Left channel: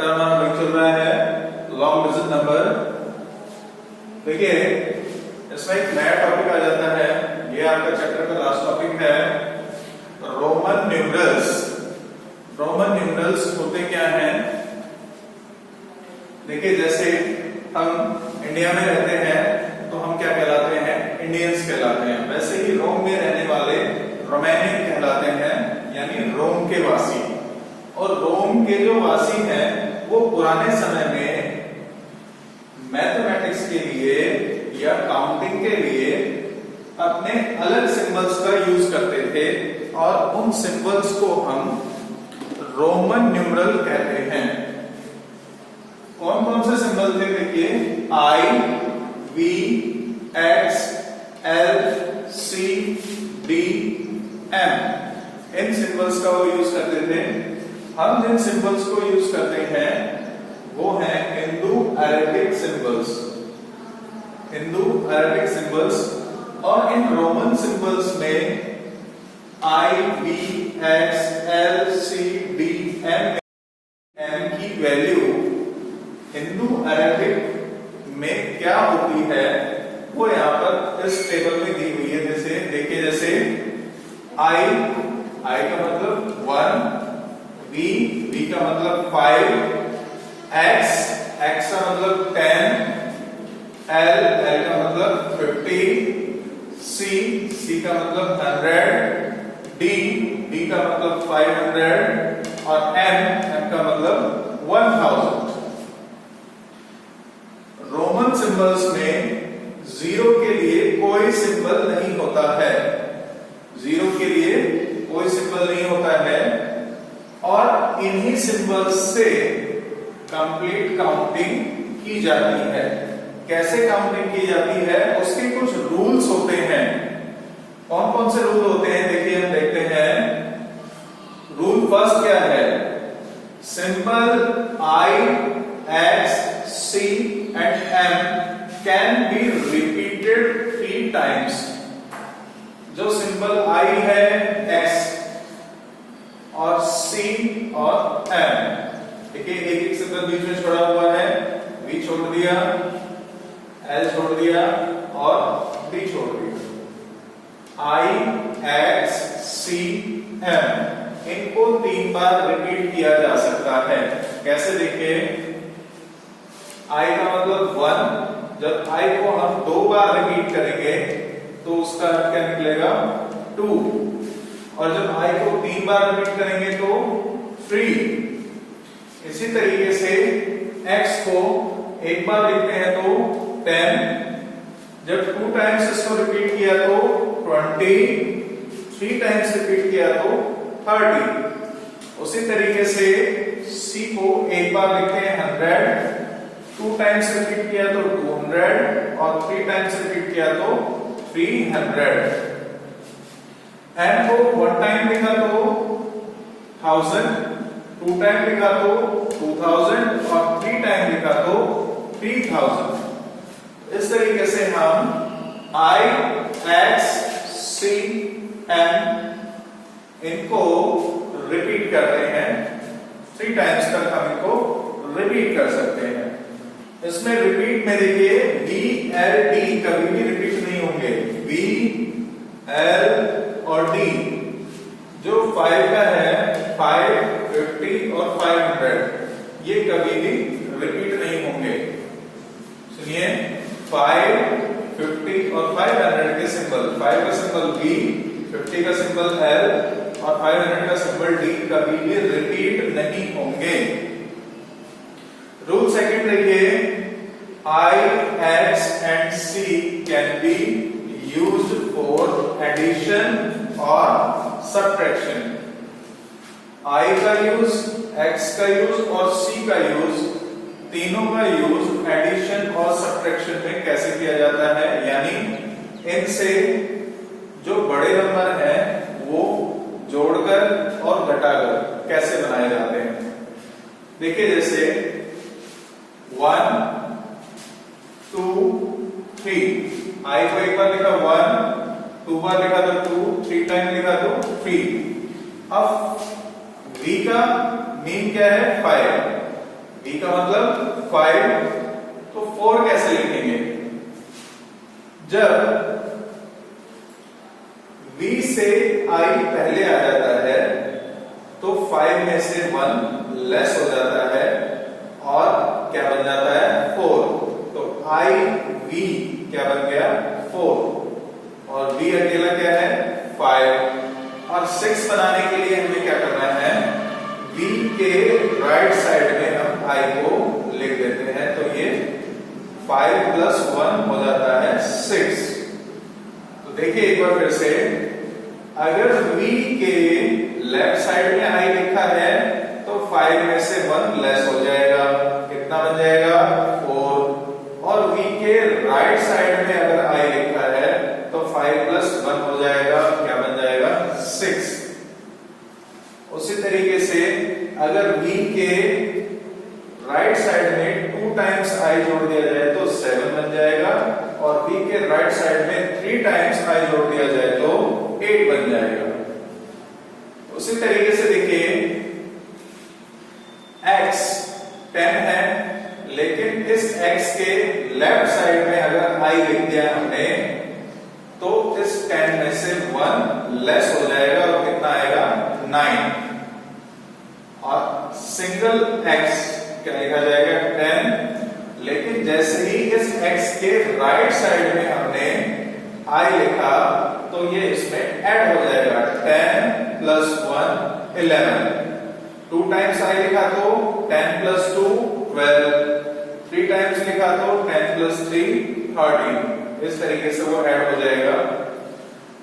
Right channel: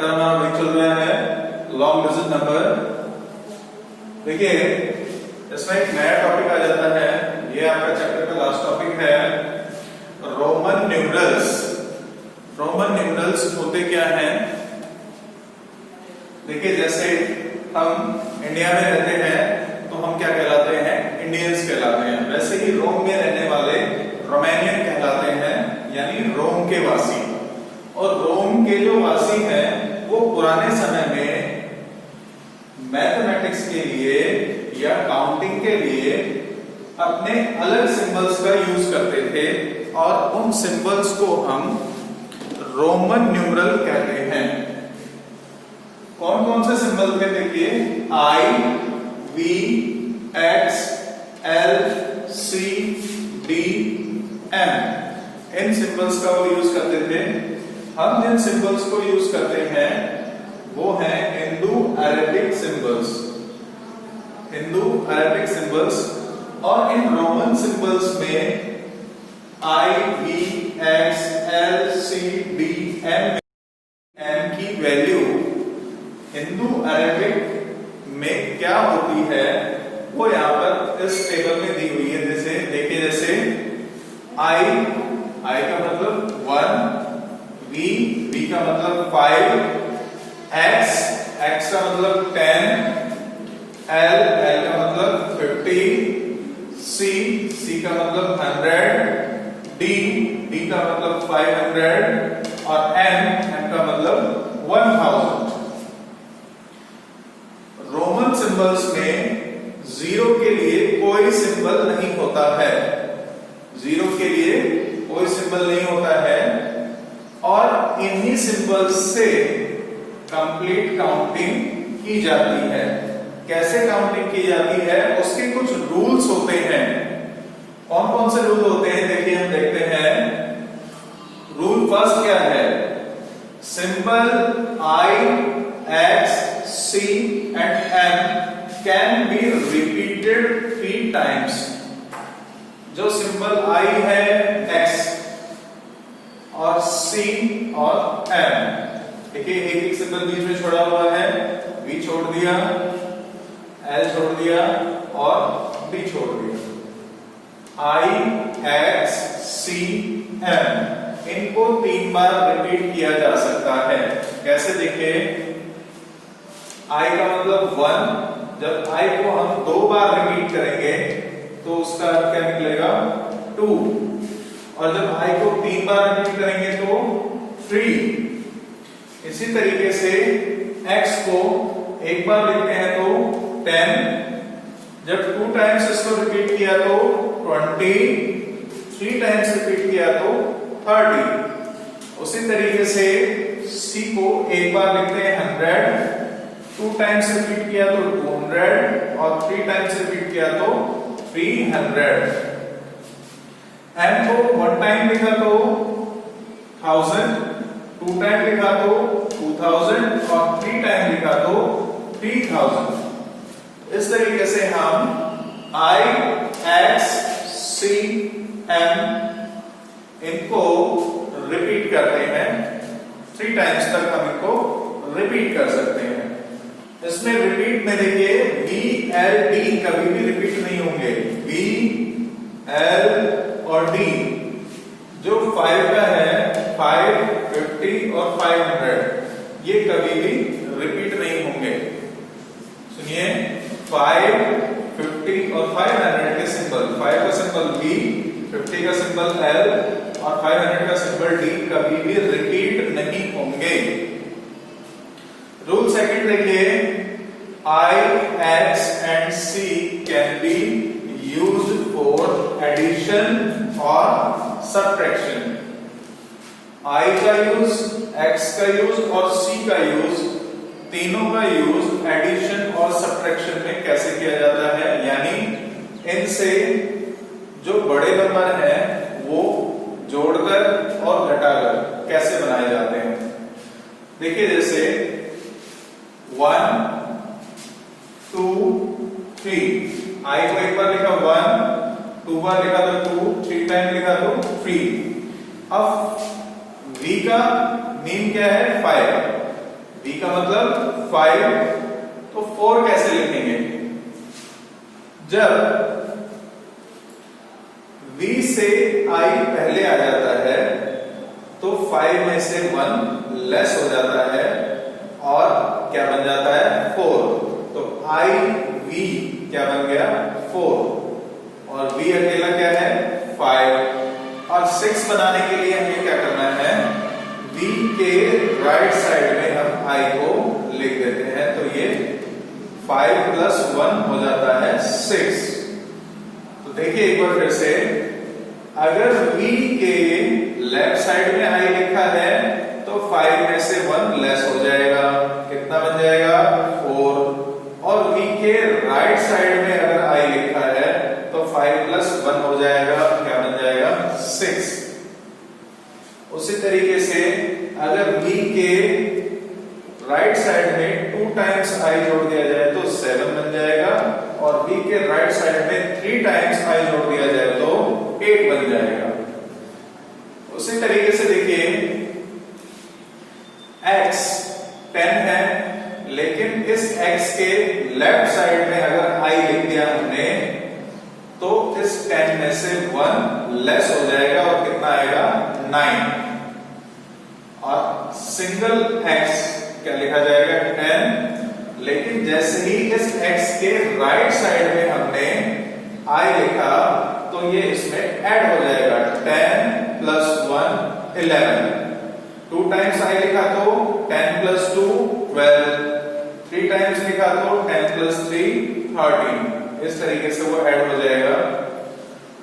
Chapter हमारा वही चल रहा है लॉन्ग डिजिट नंबर। देखिए इसमें एक नया टॉपिक आ जाता है, ये आपका चैप्टर का लास्ट टॉपिक है रोमन न्यूमरल्स। रोमन न्यूमरल्स होते क्या हैं? देखिए जैसे हम इंडिया में रहते हैं तो हम क्या कहलाते हैं? इंडियंस कहलाते हैं। वैसे ही रोम में रहने वाले रोमानियन कहलाते हैं, यानी रोम के वासी। और रोम के जो वासी हैं वो पुराने समय में मैथमेटिक्स के लिए या काउंटिंग के लिए अपने अलग सिंबल्स का यूज करते थे और उन सिंबल्स को हम रोमन न्यूमरल कहते हैं। कौन कौन से सिंबल थे? देखिए I, V, X, L, C, D, M, in symbols का वो यूज करते थे। हम जिन सिंबल्स को यूज करते हैं वो है Indo Arabic symbols. Indo Arabic symbols. और इन रोमन सिंबल्स में I, V, X, L, C, D, M की वैल्यू हिंदू अरेबिक में क्या होती है वो यहां पर इस टेबल में दी हुई है। जैसे देखिए, जैसे I का मतलब 1, V का मतलब 5, X का मतलब 10, L का मतलब 50, C का मतलब 100, D का मतलब 500 और M का मतलब 1000। रोमन सिंबल्स में जीरो के लिए कोई सिंबल नहीं होता है। जीरो के लिए कोई सिंबल नहीं होता है और इन्हीं सिंबल्स से कंप्लीट काउंटिंग की जाती है। कैसे काउंटिंग की जाती है उसके कुछ रूल्स होते हैं। कौन कौन से रूल होते हैं? देखिए हम देखते हैं। रूल फर्स्ट क्या है? Symbol I, X, C and M can be repeated 3 times। जो सिंबल I है, X और C और M, देखिए एक एक सिंबल बीच में छोड़ा हुआ है, V छोड़ दिया, L छोड़ दिया और B छोड़ दिया। I, X, C, M इनको 3 बार रिपीट किया जा सकता है। कैसे? देखिए I का मतलब 1, जब I को हम 2 बार रिपीट करेंगे तो उसका अर्थ क्या निकलेगा? 2। और जब I को 3 बार रिपीट करेंगे तो 3। इसी तरीके से X को एक बार लिखते हैं तो 10, जब 2 टाइम्स इसको रिपीट किया तो 20, 3 टाइम्स रिपीट किया तो 30। उसी तरीके से C को एक बार लिखते हैं 100, 2 टाइम्स रिपीट किया तो 200 और 3 टाइम्स रिपीट किया तो 300। M को 1 टाइम लिखा तो 1000, 2 टाइम लिखा तो 2000 और 3 टाइम लिखा तो 3000। इस तरीके से हम I, X, C, M इनको रिपीट करते हैं। 3 टाइम्स तक हम इनको रिपीट कर सकते हैं। इसमें रिपीट में देखिए V, L, D कभी भी रिपीट नहीं होंगे। V, L और D जो 5 का है, 5, 50 और 500 ये कभी भी रिपीट नहीं होंगे। सुनिए, 5, 50 और 500 के सिंबल, 5 का सिंबल V, 50 का सिंबल L और 500 का सिंबल D कभी भी रिपीट नहीं होंगे। रूल सेकंड देखिए, I, X and C can be used for addition or subtraction। I का यूज, X का यूज और C का यूज, तीनों का यूज एडिशन और सब्ट्रैक्शन में कैसे किया जाता है, यानी इनसे जो बड़े नंबर हैं वो जोड़कर और घटाकर कैसे बनाए जाते हैं। देखिए जैसे 1, 2, 3, I को एक बार लिखा 1, 2 बार लिखा तो 2, 3 टाइम लिखा तो 3। अब V का मीन क्या है? 5। V का मतलब 5, तो 4 कैसे लिखेंगे? जब V से I पहले आ जाता है तो 5 में से 1 लेस हो जाता है और क्या बन जाता है? 4। तो I V क्या बन गया? 4, और V अकेला क्या है? 5। और 6 बनाने के लिए हमें क्या करना है? V के राइट साइड में हम I को लिख देते हैं, तो ये 5 + 1 हो जाता है 6। तो देखिए एक बार फिर से, अगर V के लेफ्ट साइड में I लिखा है तो 5 में से 1 लेस हो जाएगा, कितना बन जाएगा? 4। और V के राइट साइड में अगर I लिखा है तो 5 + 1 हो जाएगा, क्या बन जाएगा? 6। उसी तरीके से अगर V के राइट साइड में 2 टाइम्स I जोड़ दिया जाए तो 7 बन जाएगा, और V के राइट साइड में 3 टाइम्स I जोड़ दिया जाए तो 8 बन जाएगा। उसी तरीके से देखिए, x 10 है, लेकिन इस x के लेफ्ट साइड में अगर I लिख दिया हमने तो इस 10 में से 1 लेस हो जाएगा और कितना आएगा? 9। और सिंगल x क्या लिखा जाएगा? 10, लेकिन जैसे ही इस x के राइट साइड में हमने I लिखा तो ये इसमें ऐड हो जाएगा। 10 + 1 11। 2 टाइम्स I लिखा तो 10 + 2 12। 3 टाइम्स लिखा तो 10 + 3 13। इस तरीके से वो ऐड हो जाएगा।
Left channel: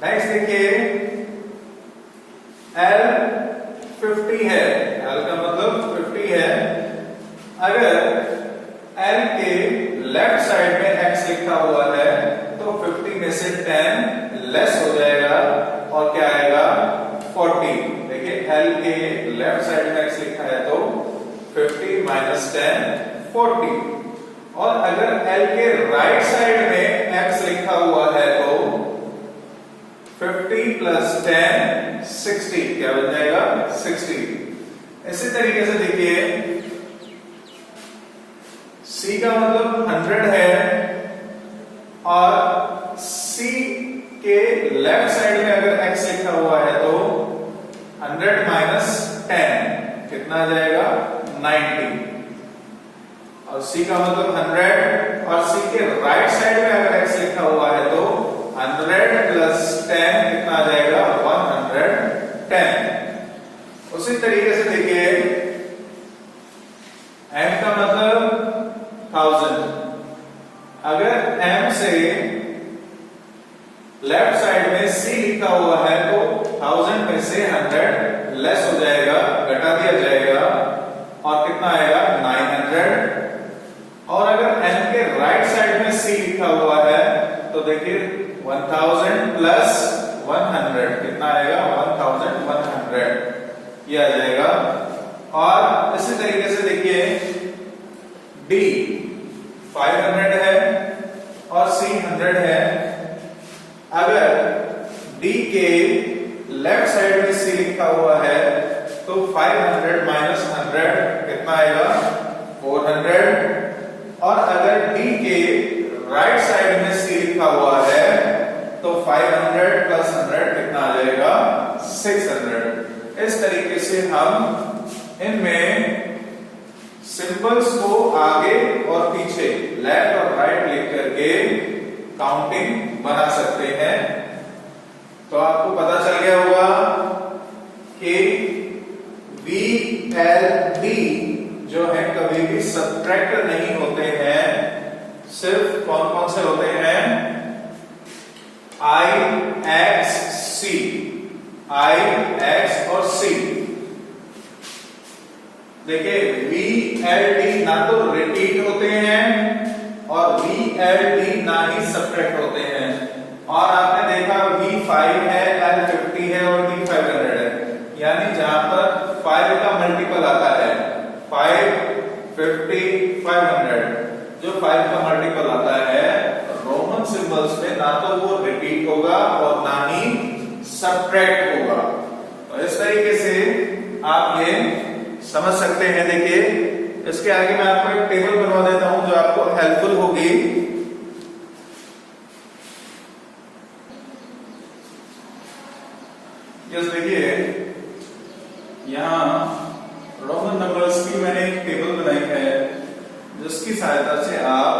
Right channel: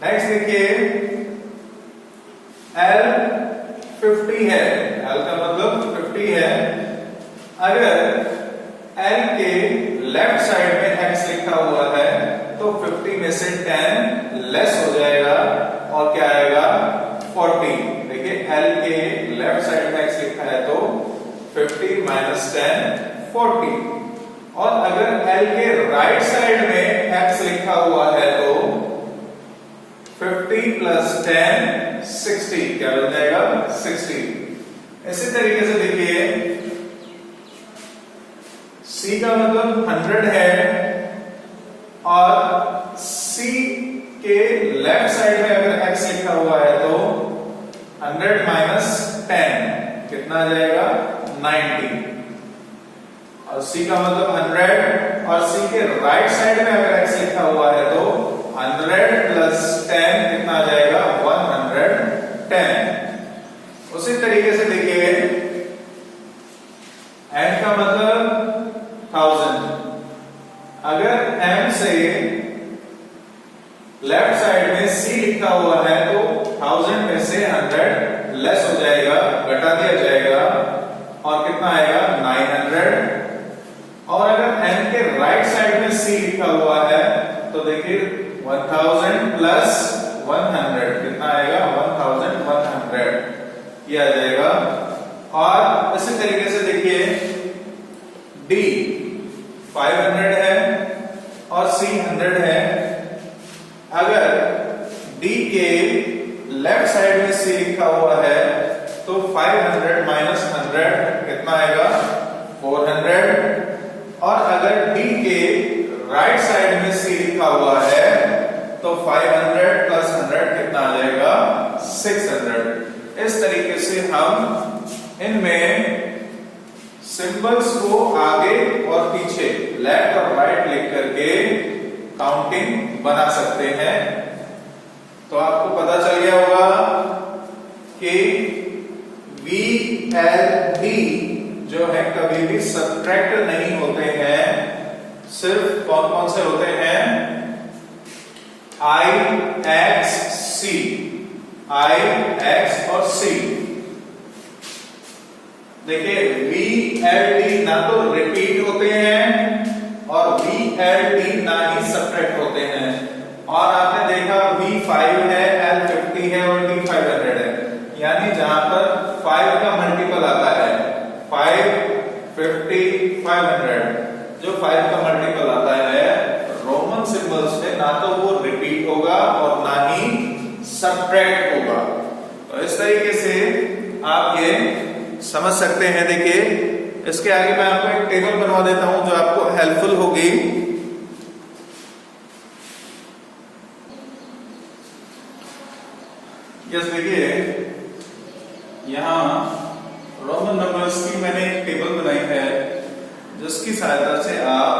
नेक्स्ट देखिए, L 50 है, L का मतलब 50 है। अगर L के लेफ्ट साइड में x लिखा हुआ है तो 50 में से 10 लेस हो जाएगा और क्या आएगा? 40। देखिए L के लेफ्ट साइड में x लिखा है तो 50 - 10 40। और अगर L के राइट साइड में x लिखा हुआ है तो 50 + 10 60, क्या बन जाएगा? 60। इसी तरीके से देखिए, C का मतलब 100 है, और C के लेफ्ट साइड में अगर x लिखा हुआ है तो 100 - 10 कितना आ जाएगा? 90। और C का मतलब 100, और C के राइट साइड में अगर x लिखा हुआ है तो 100 + 10 कितना आ जाएगा? 110। उसी तरीके से देखिए, M का मतलब 1000। अगर M से लेफ्ट साइड में C लिखा हुआ है तो 1000 में से 100 लेस हो जाएगा, घटा दिया जाएगा, और कितना आएगा? 900। और अगर M के राइट साइड में C लिखा हुआ है तो देखिए 1000 + 100 कितना आएगा? 1100 ये आ जाएगा। और इसी तरीके से देखिए, D 500 है और C 100 है। अगर D के लेफ्ट साइड में C लिखा हुआ है तो 500 - 100 कितना आएगा? 400। और अगर D के राइट साइड में C लिखा हुआ है तो 500 + 100 कितना आ जाएगा? 600। इस तरीके से हम इनमें सिंबल्स को आगे और पीछे, लेफ्ट और राइट लिख करके काउंटिंग बना सकते हैं। तो आपको पता चल गया होगा कि V, L, D जो है कभी भी सब्ट्रैक्टर नहीं होते हैं। सिर्फ कौन कौन से होते हैं? I, X, C, I, X और C। देखिए V, L, D ना तो रिपीट होते हैं और V, L, D ना ही सब्ट्रैक्ट होते हैं। और आपने देखा V5 है, L 50 है और D 500 है, यानी जहां पर 5 का मल्टीपल आता है 5, 50, 500, जो 5 का मल्टीपल आता है रोमन सिंबल्स में ना तो वो रिपीट होगा और ना ही सब्ट्रैक्ट होगा। तो इस तरीके से आप ये समझ सकते हैं। देखिए इसके आगे मैं आपको एक टेबल बनवा देता हूं जो आपको हेल्पफुल होगी। जैसे देखिए यहां रोमन नंबर्स की मैंने एक टेबल बनाई है जिसकी सहायता से आप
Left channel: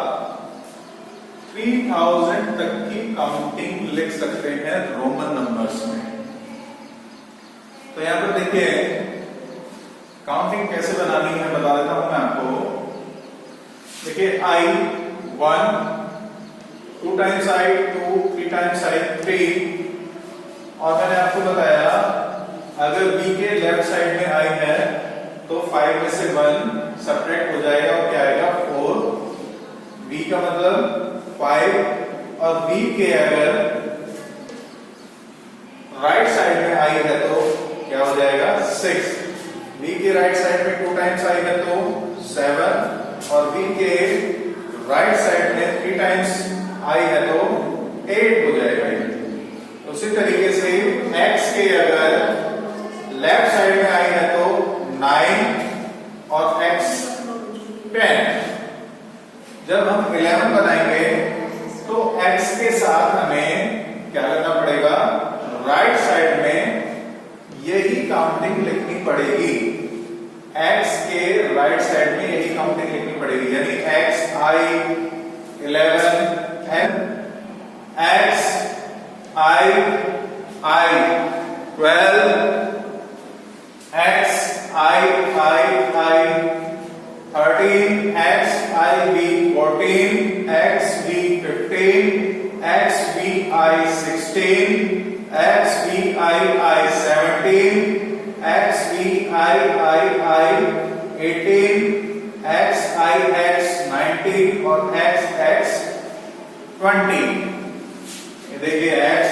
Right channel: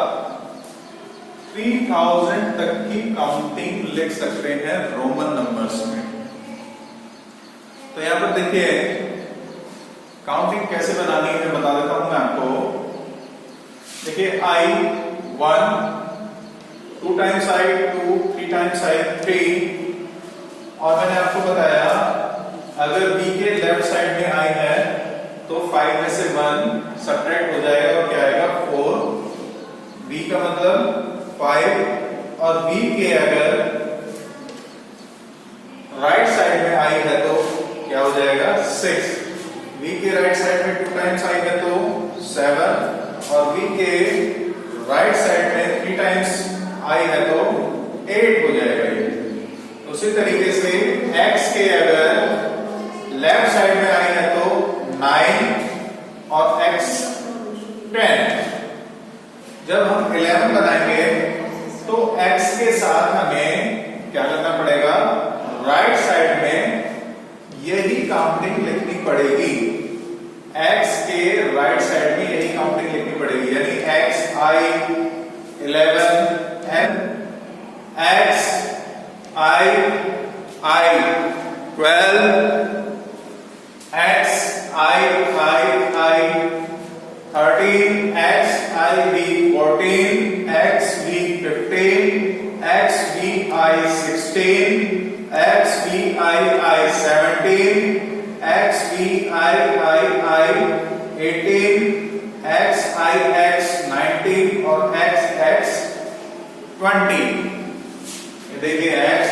3000 तक की काउंटिंग लिख सकते हैं रोमन नंबर्स में। तो यहां पर देखिए काउंटिंग कैसे बनानी है बता देता हूं मैं आपको। देखिए I 1, 2 times I 2, 3 times I 3, और मैंने आपको बताया अगर b के लेफ्ट साइड में I है तो 5 में से 1 सब्ट्रैक्ट हो जाएगा और क्या आएगा 4। b का मतलब 5 और b के अगर राइट साइड में I है तो क्या हो जाएगा 6। b के राइट साइड में 2 टाइम्स I है तो 7 और b के राइट साइड में 3 टाइम्स I है तो 8 हो जाएगा ये। उसी तरीके से x के अगर लेफ्ट साइड में I है तो 9 और x 10। जब हम 11 बनाएंगे तो x के साथ हमें क्या करना पड़ेगा, राइट साइड में यही काउंटिंग लिखनी पड़ेगी। x के राइट साइड में यही काउंटिंग लिखनी पड़ेगी, यानी x I 11 and x I 12, x I 13, x I B 14, x B 15, x B I 16, x B I 17, x B I 18, x I x 19 और x 20। देखिए x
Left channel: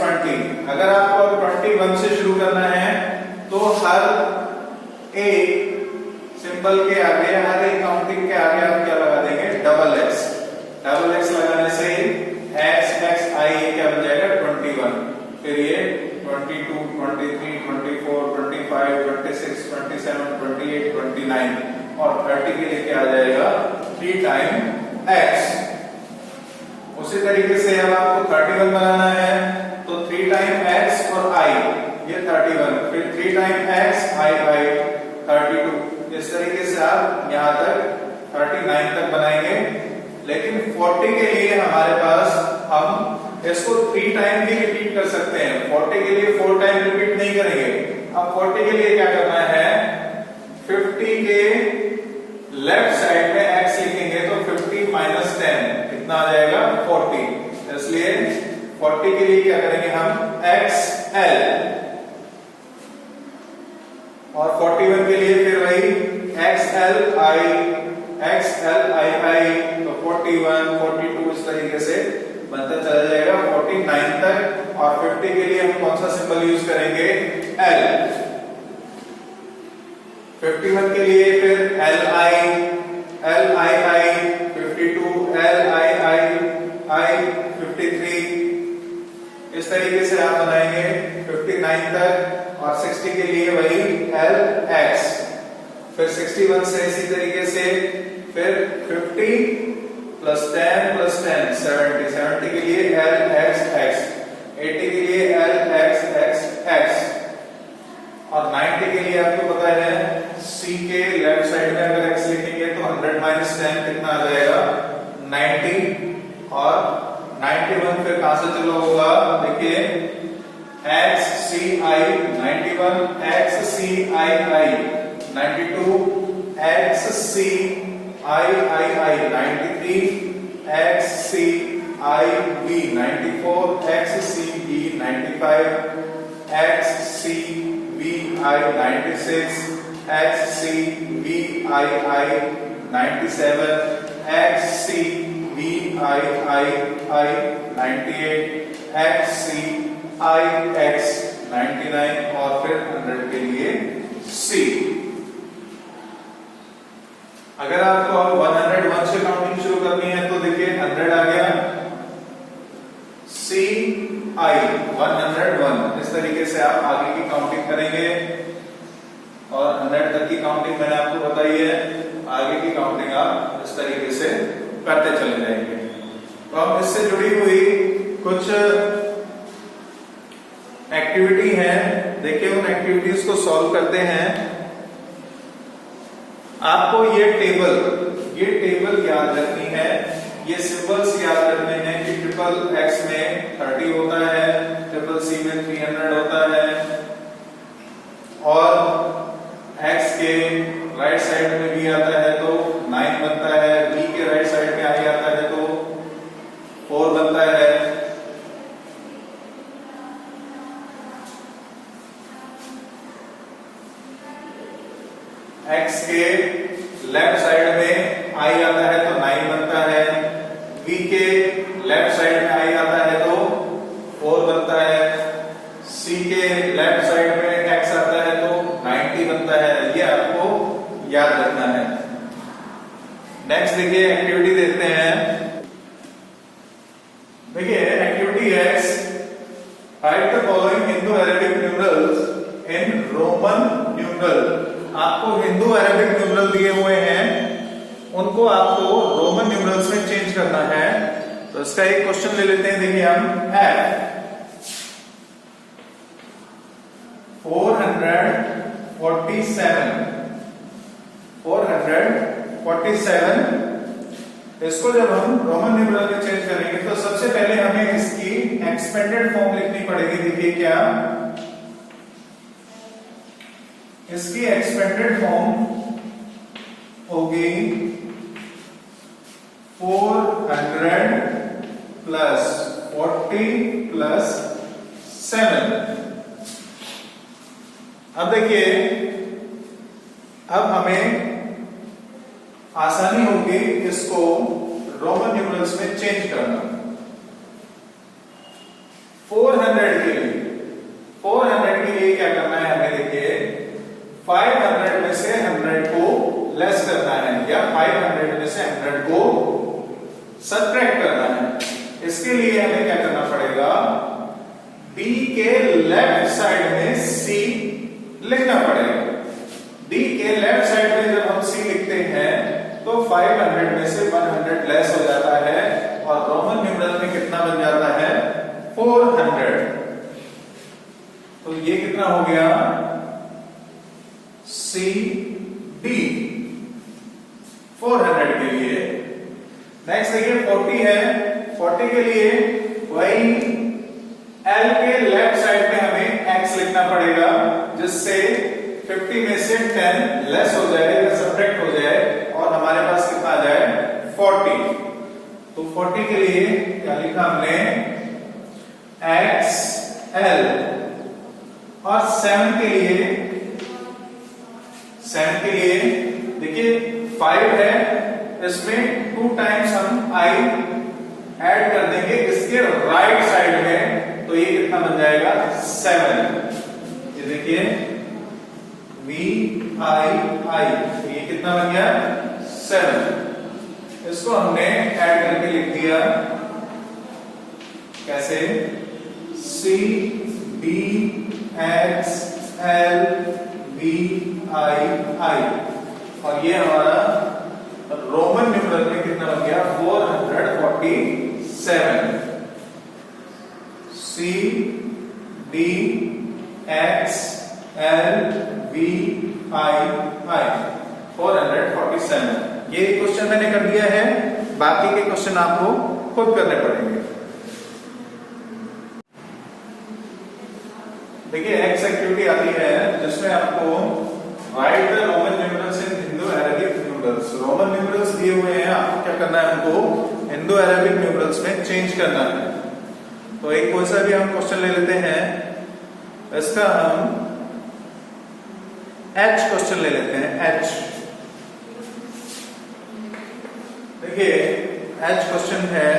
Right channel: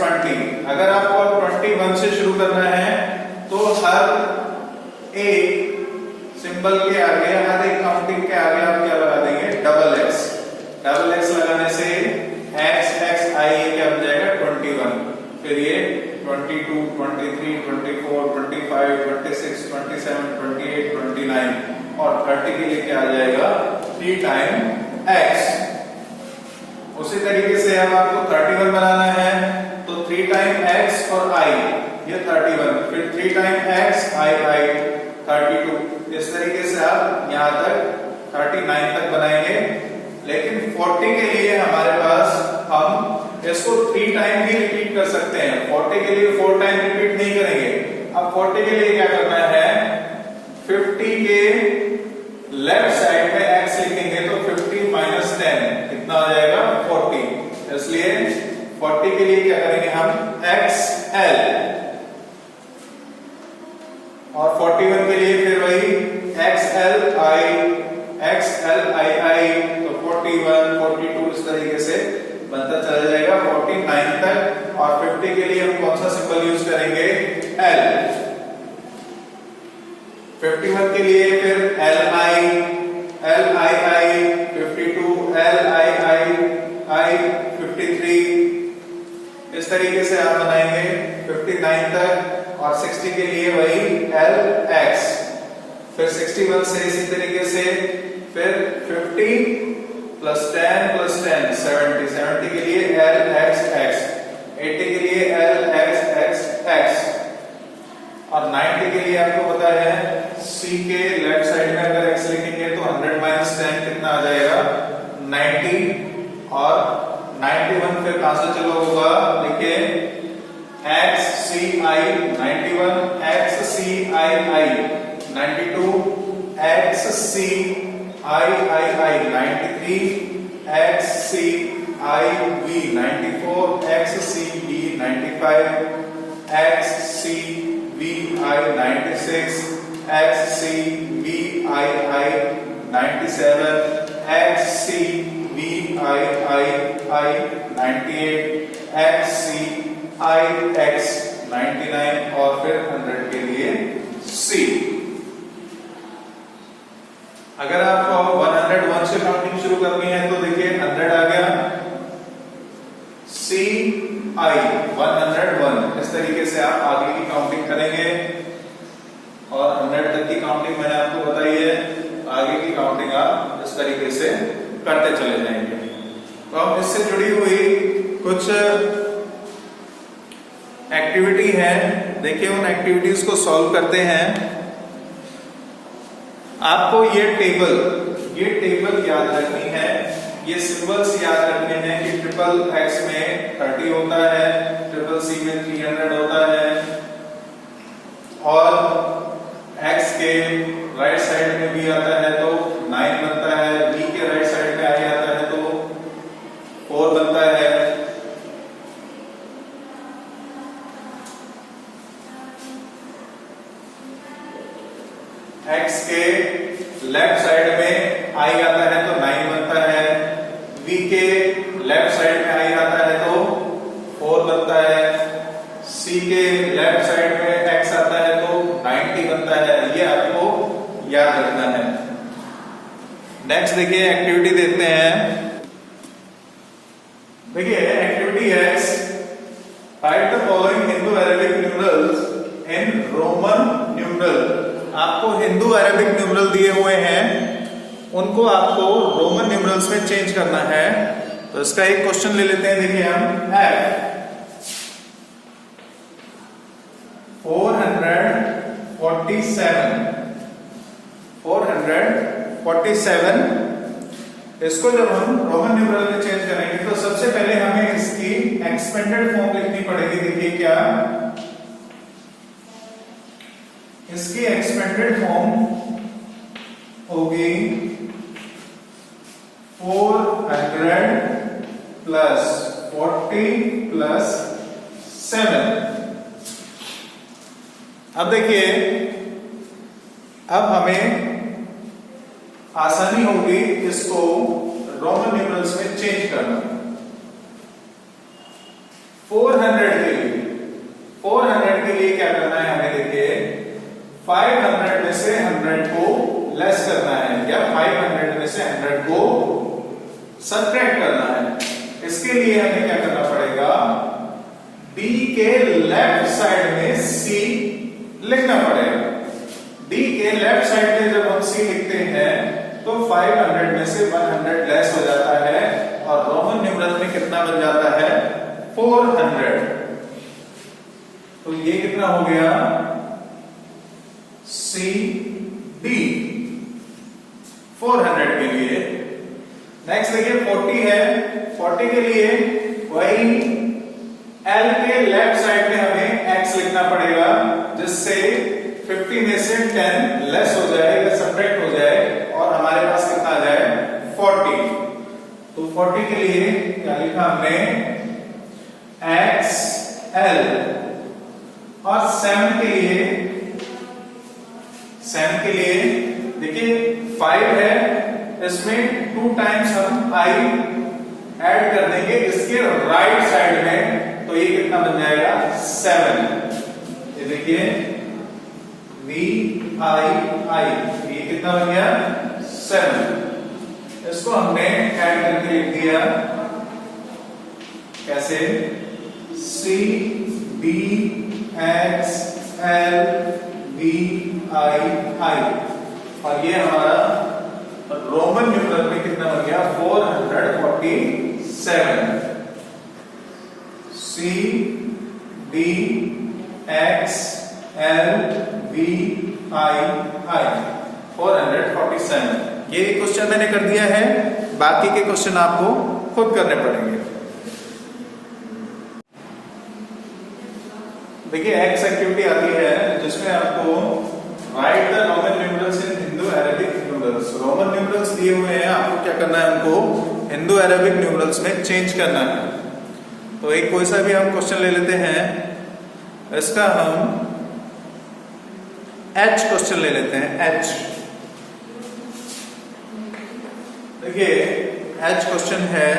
20। अगर आपको 21 से शुरू करना है तो हर एक सिंबल के आगे, हर एक काउंटिंग के आगे आप क्या लगा देंगे, डबल x। डबल x लगाने से x I ये क्या बन जाएगा 21। फिर ये 22, 23, 24, 25, 26, 27, 28, 29 और 30 के लिए क्या आ जाएगा 3 टाइम x। उसी तरीके से अब आपको 31 बनाना है तो 3 टाइम x और I ये 31, फिर 3 टाइम x I 32। इस तरीके से आप यहां तक 39 तक बनाएंगे। लेकिन 40 के लिए हमारे पास हम इसको 3 टाइम भी रिपीट कर सकते हैं। 40 के लिए 4 टाइम रिपीट नहीं करेंगे। अब 40 के लिए क्या करना है, 50 के लेफ्ट साइड में x लिखेंगे तो 50 माइनस 10 कितना आ जाएगा 40। इसलिए 40 के लिए क्या करेंगे हम XL, और 41 के लिए फिर वही XL I तो 41, 42 इस तरीके से बनता चला जाएगा 49 तक। और 50 के लिए हम कौन सा सिंबल यूज करेंगे, L। 51 के लिए फिर LI 52, LI 53। इस तरीके से आप बनाएंगे 59 तक। और 60 के लिए वही LX। फिर 61 से इसी तरीके से फिर 50 प्लस 10 प्लस 10 70 के लिए LXX। 80 के लिए LXXX। और 90 के लिए आपको पता है C के लेफ्ट साइड में अगर x लिखेंगे तो 100 माइनस 10 कितना आ जाएगा 90। और 91 फिर कहां से चलो होगा, देखिए XCI 91, XCI 92, XCI 93, XCIB 94, XCB 95, XCBI 96, XCBII 97, XCBII 98, XCIX 99 और फिर 100 के लिए C। अगर आपको 101 से काउंटिंग शुरू करनी है तो देखिए 100 आ गया, CI 101। इस तरीके से आप आगे की काउंटिंग करेंगे। और 100 तक की काउंटिंग मैंने आपको बताई है। की काउंटिंग आप इस तरीके से करते चले जाएंगे। तो हम इससे जुड़ी हुई कुछ एक्टिविटी है, देखिए उन एक्टिविटीज को सॉल्व करते हैं। आपको ये टेबल याद रखनी है, ये सिंबल्स याद रखने हैं कि ट्रिपल एक्स में 30 होता है, ट्रिपल सी में 300 होता है, और एक्स के राइट साइड में भी आता है तो 9 बनता है, बी के राइट साइड में आई आता है तो 4 बनता है। एक्स के लेफ्ट साइड में आई आता है तो 9 बनता है, v के लेफ्ट साइड में आई आता है तो 4 बनता है, c के लेफ्ट साइड में x आता है तो 90 बनता है। ये आपको याद रखना है। नेक्स्ट देखिए एक्टिविटी देखते हैं। देखिए activity x, right the following Hindu Arabic numerals in Roman numeral. आपको हिंदू अरेबिक न्यूमरल दिए हुए हैं, उनको आपको रोमन न्यूमरल्स में चेंज करना है। तो इसका एक क्वेश्चन ले लेते हैं। देखिए हम F447 इसको जब हम रोमन न्यूमरल में चेंज करेंगे तो सबसे पहले हमें इसकी एक्सपेंडेड फॉर्म लिखनी पड़ेगी। देखिए क्या इसकी एक्सपेंडेड फॉर्म होगी 400 प्लस 40 प्लस 7। अब देखिए, अब हमें आसानी होगी इसको रोमन न्यूमरल्स में चेंज करना। 400 के लिए क्या करना है हमें? देखिए 500 में से 100 को लेस करना है, या 500 में से 100 को सबट्रैक्ट करना है। इसके लिए हमें क्या करना पड़ेगा? D के लेफ्ट साइड में C लिखना पड़ेगा। D के लेफ्ट साइड में जब हम C लिखते हैं तो 500 में से 100 लेस हो जाता है और रोमन न्यूमरल में कितना बन जाता है? 400। तो ये कितना हो गया? CD 400 के लिए। नेक्स्ट देखिए 40 है। 40 के लिए वही L के लेफ्ट साइड में हमें X लिखना पड़ेगा, जिससे 50 में से 10 लेस हो जाए या सब्ट्रैक्ट हो जाए और हमारे पास कितना आ जाए? 40। तो 40 के लिए क्या लिखा हमने? XL। और 7 के लिए देखिए 5 है, इसमें 2 टाइम्स हम I ऐड कर देंगे इसके राइट साइड में, तो ये कितना बन जाएगा? 7। ये देखिए VII, ये कितना बन गया? 7। इसको हमने ऐड करके लिख दिया कैसे? CDXLVII, और ये हमारा रोमन न्यूमरल में कितना बन गया? 447। CDXLVII 447। ये क्वेश्चन मैंने कर दिया है, बाकी के क्वेश्चन आपको खुद करने पड़ेंगे। देखिए एक्स एक्टिविटी आती है जिसमें आपको right the Roman numerals in Hindu Arabic numerals. Roman numerals दिए हुए हैं, आपको क्या करना है? उनको हिंदू अरेबिक न्यूमरल्स में चेंज करना है। तो एक कोई सा भी हम क्वेश्चन ले लेते हैं, इसका हम H क्वेश्चन ले लेते हैं। H देखिए H क्वेश्चन है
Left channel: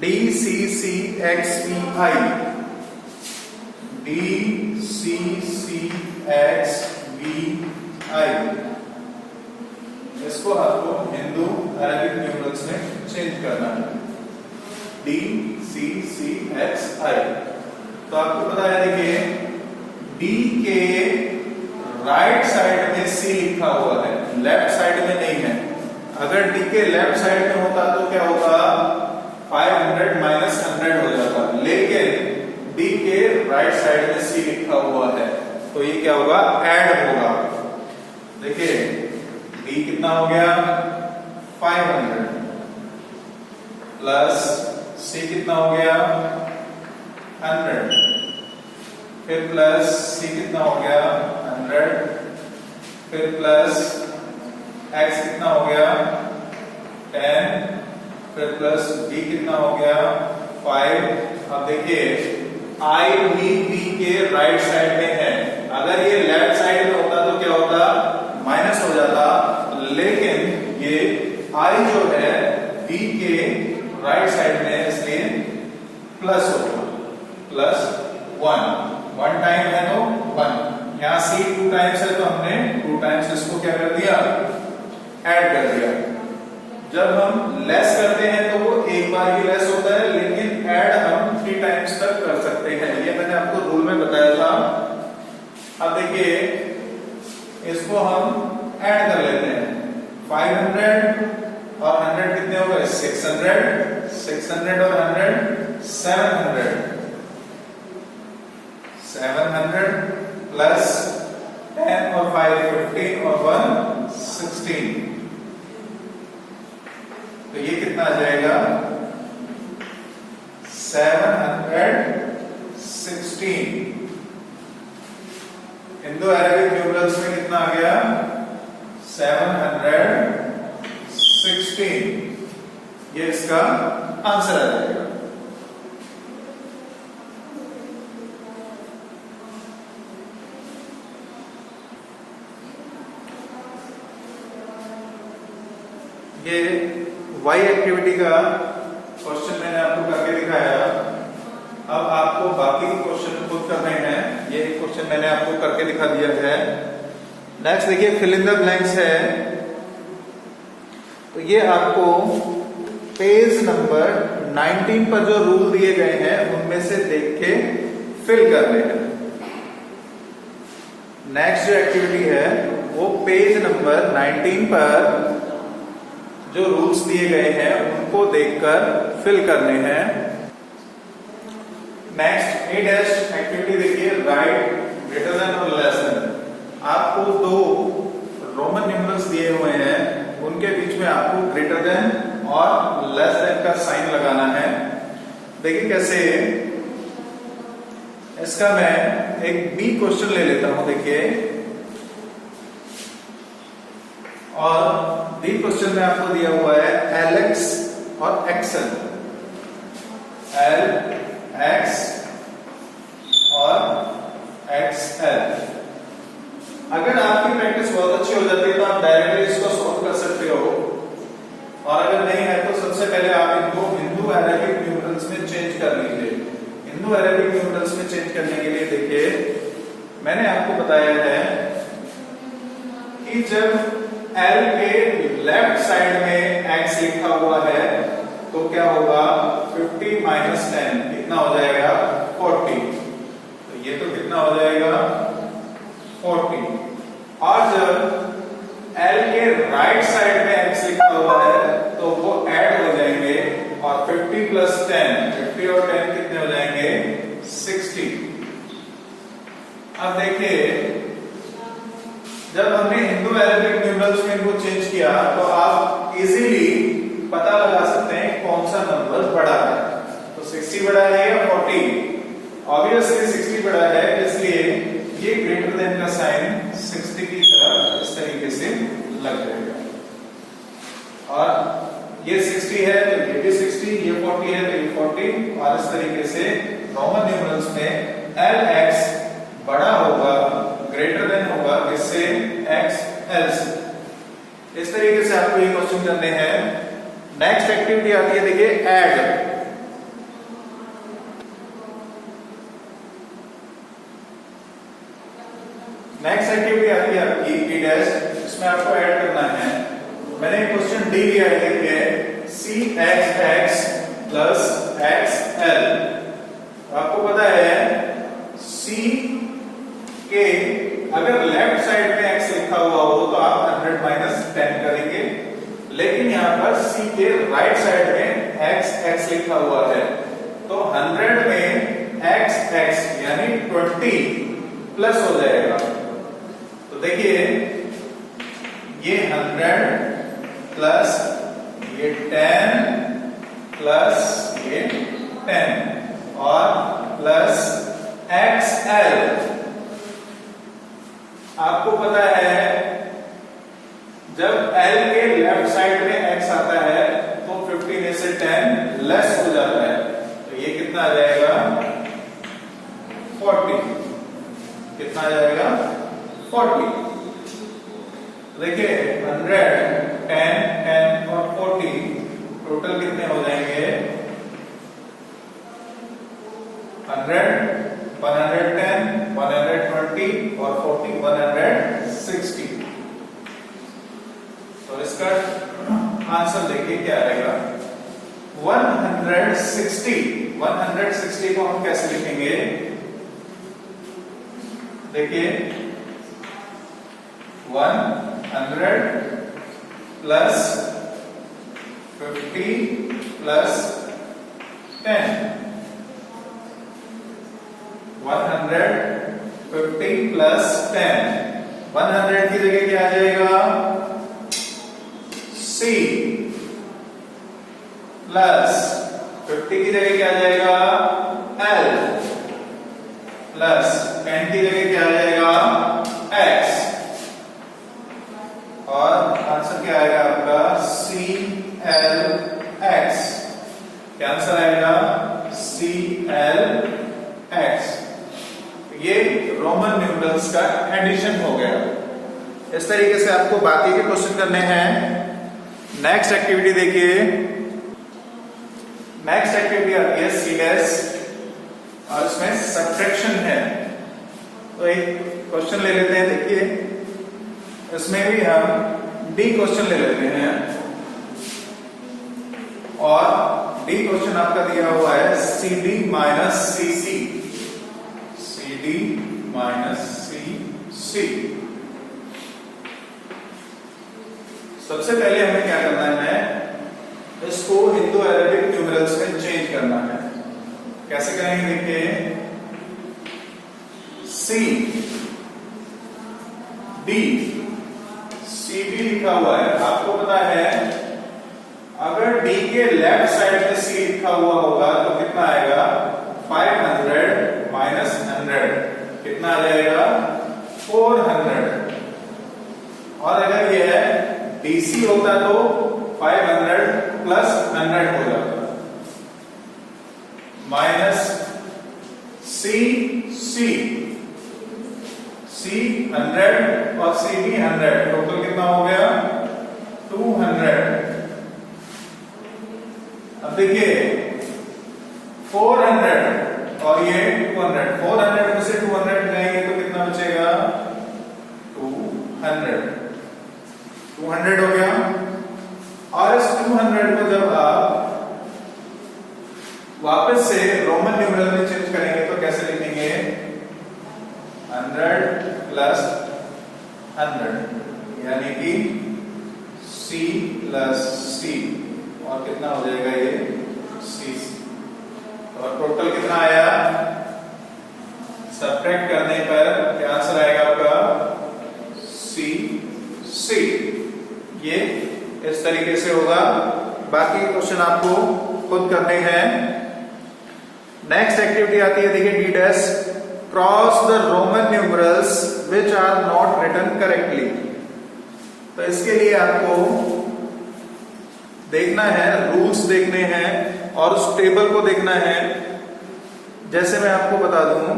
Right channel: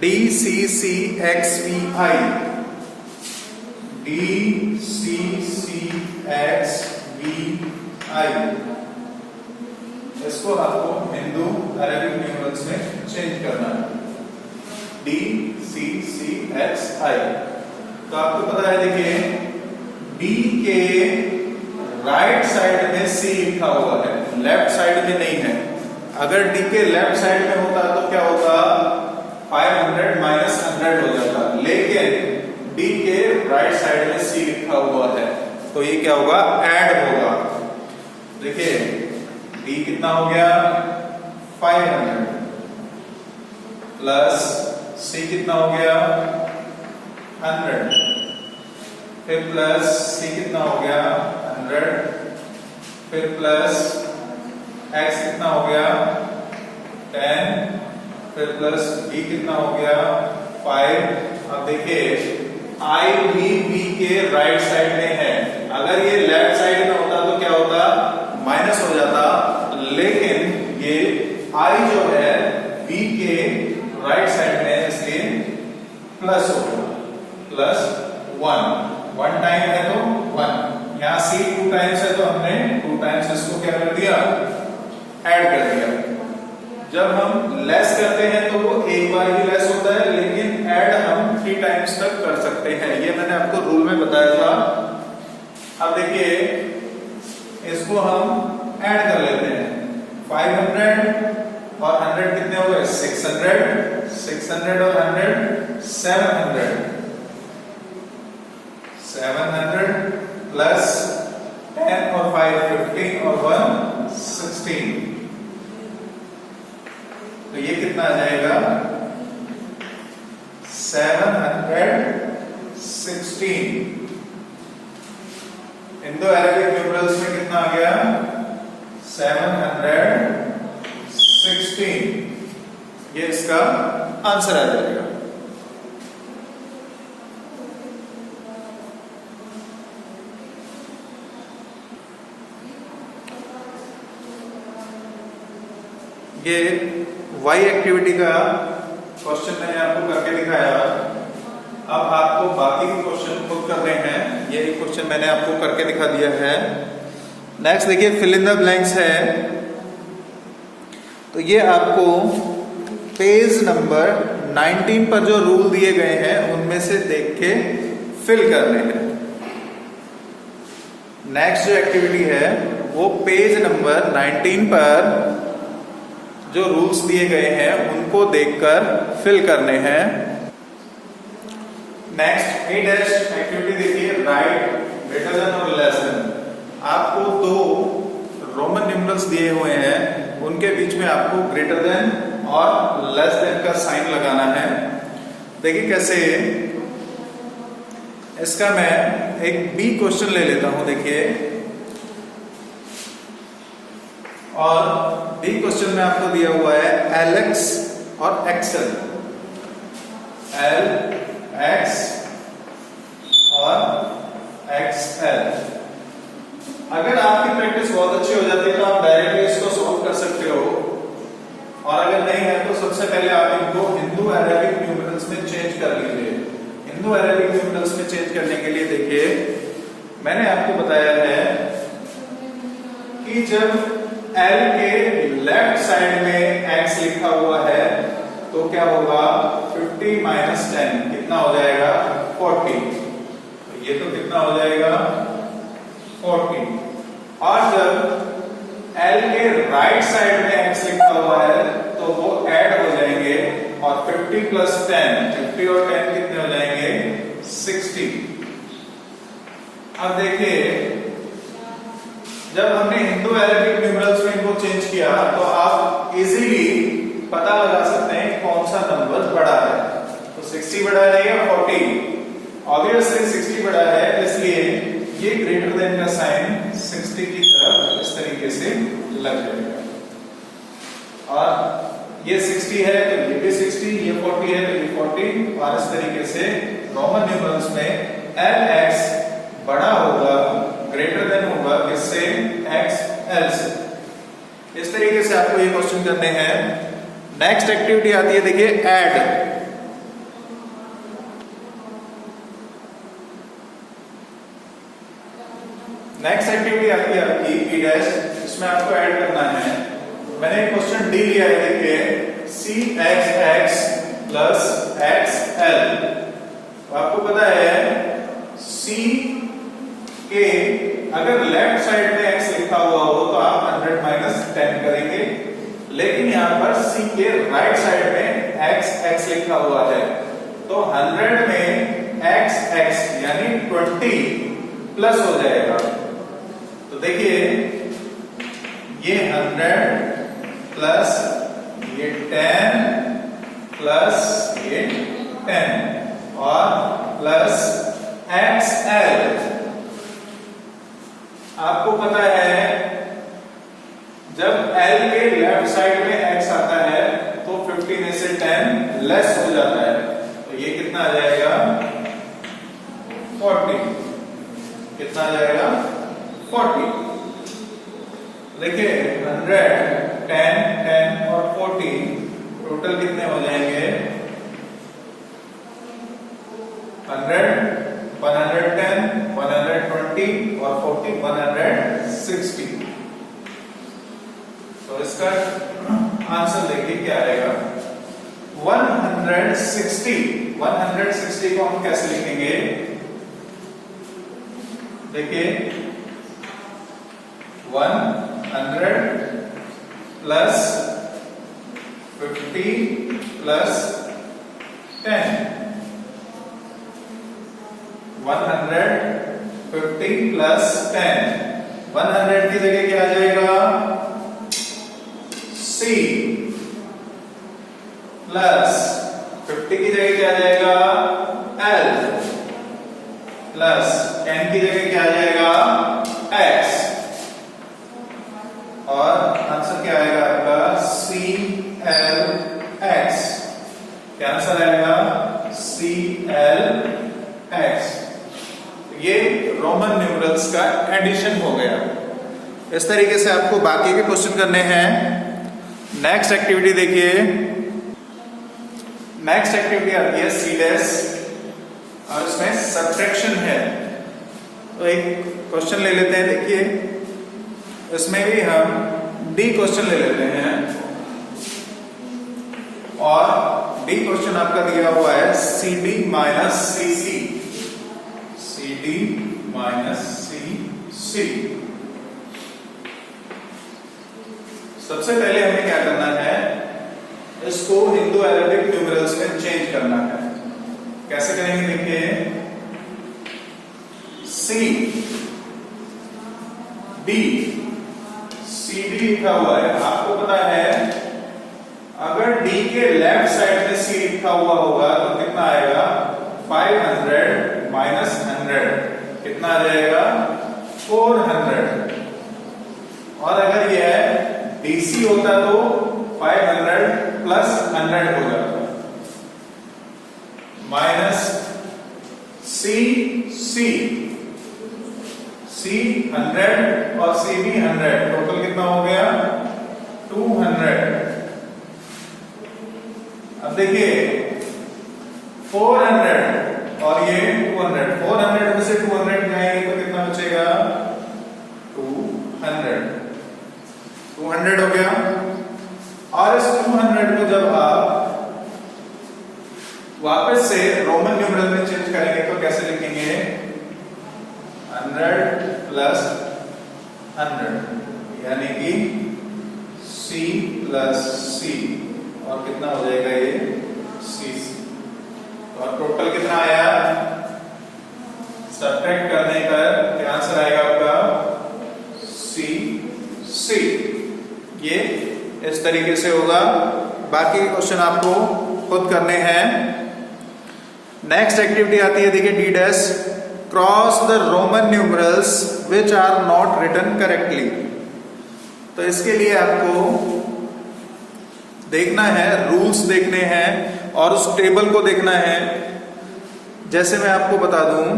DCCXVI। DCCXVI इसको आपको हिंदू अरेबिक न्यूमरल्स में चेंज करना है। DCCXI। तो आपको पता है, देखिए D के राइट साइड में C लिखा हुआ है, लेफ्ट साइड में नहीं है। अगर डी के लेफ्ट साइड में होता तो क्या होता, 500 माइनस 100 हो जाता, लेकिन डी के राइट साइड में सी लिखा हुआ है, तो ये क्या होगा, ऐड होगा। देखिए डी कितना हो गया, 500 प्लस सी कितना हो गया, 100, फिर प्लस सी कितना हो गया, 100, फिर प्लस एक्स कितना हो गया, 10, फिर प्लस बी कितना हो गया, 5। अब देखिए आई भी बी के राइट साइड में है, अगर ये लेफ्ट साइड में होता तो क्या होता, माइनस हो जाता, लेकिन ये आई जो है बी के राइट साइड में, इसलिए प्लस हो गया, प्लस 1 टाइम है तो 1, यहां सी 2 टाइम्स है तो हमने 2 टाइम्स इसको क्या कर दिया, ऐड कर दिया। जब हम लेस करते हैं तो वो एक बार ही लेस होता है, लेकिन ऐड हम 3 टाइम्स तक कर सकते हैं, ये मैंने आपको रूल में बताया था। अब देखिए इसको हम ऐड कर लेते हैं, 500 और 100 कितने हो गए, 600, 600 और 100 700 प्लस 10 और 5 15 और 1 16, तो ये कितना आ जाएगा, 716। इंडो अरेबिक न्यूमरल्स में कितना आ गया, 716, ये इसका आंसर आ जाएगा। ये वाई एक्टिविटी का क्वेश्चन मैंने आपको करके दिखाया। अब आपको बाकी के क्वेश्चन खुद करने हैं, ये क्वेश्चन मैंने आपको करके दिखा दिया है। नेक्स्ट देखिए फिल इन द ब्लैंक्स है, तो ये आपको पेज नंबर 19 पर जो रूल दिए गए हैं उनमें से देख के फिल करने हैं। नेक्स्ट जो एक्टिविटी है वो पेज नंबर 19 पर जो रूल्स दिए गए हैं उनको देखकर फिल करने हैं। नेक्स्ट ए डैश एक्टिविटी देखिए, राइट ग्रेटर देन और लेस देन। आपको 2 रोमन न्यूमरल्स दिए हुए हैं, उनके बीच में आपको ग्रेटर देन और लेस देन का साइन लगाना है। देखिए कैसे, इसका मैं एक बी क्वेश्चन ले लेता हूं, देखिए, और बी क्वेश्चन में आपको दिया हुआ है LX और XL, LX और XL। अगर आपकी प्रैक्टिस बहुत अच्छी हो जाती है तो आप डायरेक्टली इसको सॉल्व कर सकते हो, और अगर नहीं है तो सबसे पहले आप इनको हिंदू अरेबिक न्यूमरल्स में चेंज कर लीजिए। हिंदू अरेबिक न्यूमरल्स में चेंज करने के लिए देखिए मैंने आपको बताया है कि जब L के लेफ्ट साइड में x लिखा हुआ है तो क्या होगा, 50 माइनस 10 कितना हो जाएगा, 40, तो ये तो कितना हो जाएगा, 40। और जब L के राइट साइड में x लिखा हुआ है तो वो ऐड हो जाएंगे, और 50 प्लस 10, 50 और 10 कितने हो जाएंगे, 60। अब देखिए जब हमने हिंदू अरेबिक न्यूमरल्स में इनको चेंज किया तो आप इजीली पता लगा सकते हैं कौन सा नंबर बड़ा है। तो 60 बड़ा है या 40, ऑब्वियसली 60 बड़ा है, इसलिए ये ग्रेटर देन का साइन 60 की तरफ इस तरीके से लग जाएगा। और ये 60 है तो ये भी 60, ये 40 है तो ये 40, और इस तरीके से रोमन न्यूमरल्स में LX बड़ा होगा, ग्रेटर देन होगा इससे XL से। इस तरीके से आपको ये क्वेश्चन करने हैं। नेक्स्ट एक्टिविटी आती है, देखिए ऐड। नेक्स्ट एक्टिविटी आती है आपकी बी डैश, इसमें आपको ऐड करना है। मैंने क्वेश्चन डी लिया है, देखिए CXX प्लस XL। आपको पता है C के अगर लेफ्ट साइड में x लिखा हुआ हो तो आप 100 माइनस 80 के राइट साइड में x लिखा हुआ है, तो 100 में x यानी 20 प्लस हो जाएगा। तो देखिए ये 100 प्लस ये 10 प्लस ये 10 और प्लस XL। आपको पता है जब L के लेफ्ट साइड में x आता है तो 50 में से 10 लेस हो जाता है, तो ये कितना आ जाएगा 40। कितना आ जाएगा 40। देखिए 100 10 10 और 40 टोटल कितने हो जाएंगे 100 110 120 और 40 160। तो इसका आंसर देखिए क्या रहेगा 160। 160 को हम कैसे लिखेंगे, देखिए 100 प्लस 50 प्लस 10। 150 प्लस 10, 100 की जगह क्या आ जाएगा C प्लस 50 की जगह क्या आ जाएगा L प्लस 10 की जगह क्या आ जाएगा X और आंसर क्या आएगा आपका CLX। क्या आंसर आएगा CLX। ये रोमन न्यूमरल्स का एडिशन हो गया। इस तरीके से आपको बाकी के क्वेश्चन करने हैं। नेक्स्ट एक्टिविटी देखिए, नेक्स्ट एक्टिविटी आती है सीलेस और इसमें सब्ट्रैक्शन है। तो एक क्वेश्चन ले लेते हैं, देखिए इसमें भी हम डी क्वेश्चन ले लेते हैं और डी क्वेश्चन आपका दिया हुआ है CD minus CC। CD minus CC। सबसे पहले हमें क्या करना है, इसको हिंदू अरेबिक न्यूमरल्स में चेंज करना है। कैसे करेंगे देखिए, CD लिखा हुआ है, आपको पता है अगर D के लेफ्ट साइड में C लिखा हुआ होगा तो कितना आएगा 500 माइनस 100 कितना आ जाएगा 400। और अगर यह DC होता तो 500 प्लस 100 हो जाता, माइनस C 100 और C भी 100, टोटल कितना हो गया 200। अब देखिए 400 और ये 200, 400 में से 200 जाएंगे तो कितना बचेगा 200 हो गया। और इस 200 को जब आप वापस से रोमन न्यूमरल में चेंज करेंगे तो कैसे लिखेंगे 100 प्लस 100 यानी कि C प्लस C और कितना हो जाएगा ये CC। और टोटल कितना आया, सब्ट्रैक्ट करने पर क्या आंसर आएगा आपका CC। ये इस तरीके से होगा। बाकी के क्वेश्चन आपको खुद करने हैं। नेक्स्ट एक्टिविटी आती है, देखिए D' cross the Roman numerals which are not written correctly. तो इसके लिए आपको देखना है, रूल्स देखने हैं और उस टेबल को देखना है। जैसे मैं आपको बता दूं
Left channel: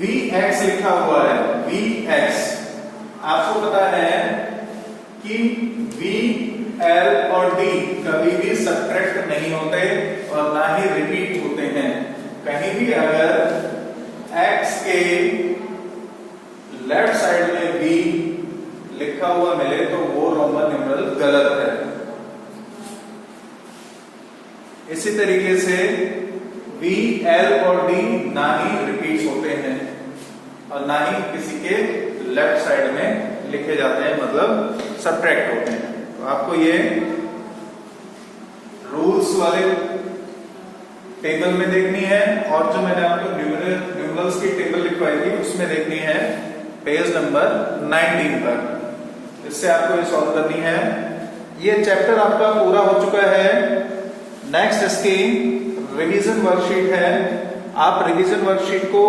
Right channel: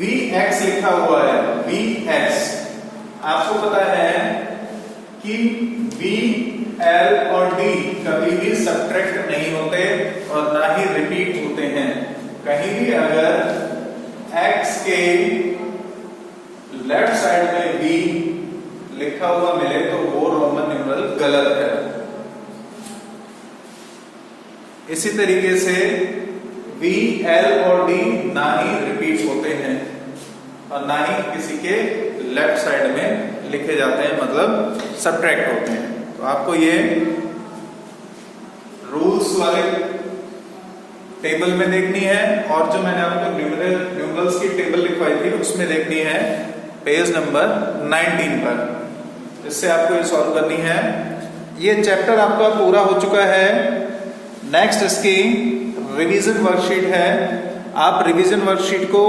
VX लिखा हुआ है, VX आपको पता है कि V, L और D कभी भी सब्ट्रैक्ट नहीं होते और ना ही रिपीट होते हैं। कहीं भी अगर X के लेफ्ट साइड में V लिखा हुआ मिले तो वो रोमन न्यूमरल गलत है। इसी तरीके से V, L और D ना ही रिपीट होते हैं और ना ही किसी के लेफ्ट साइड में लिखे जाते हैं, मतलब सब्ट्रैक्ट होते हैं। तो आपको ये रूल्स वाले टेबल में देखनी है, और जो मैंने आपको न्यूमरल्स की टेबल लिखवाई थी उसमें देखनी है पेज नंबर 19 पर। इससे आपको ये सॉल्व करनी है। ये चैप्टर आपका पूरा हो चुका है। नेक्स्ट इसकी रिवीजन वर्कशीट है। आप रिवीजन वर्कशीट को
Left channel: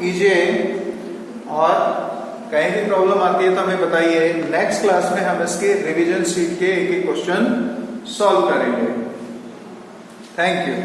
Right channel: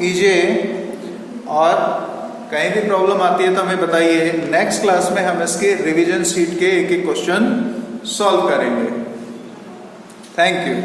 कीजिए, और कहीं भी प्रॉब्लम आती है तो हमें बताइए। नेक्स्ट क्लास में हम इसके रिवीजन शीट के एक एक क्वेश्चन सॉल्व करेंगे। Thank you.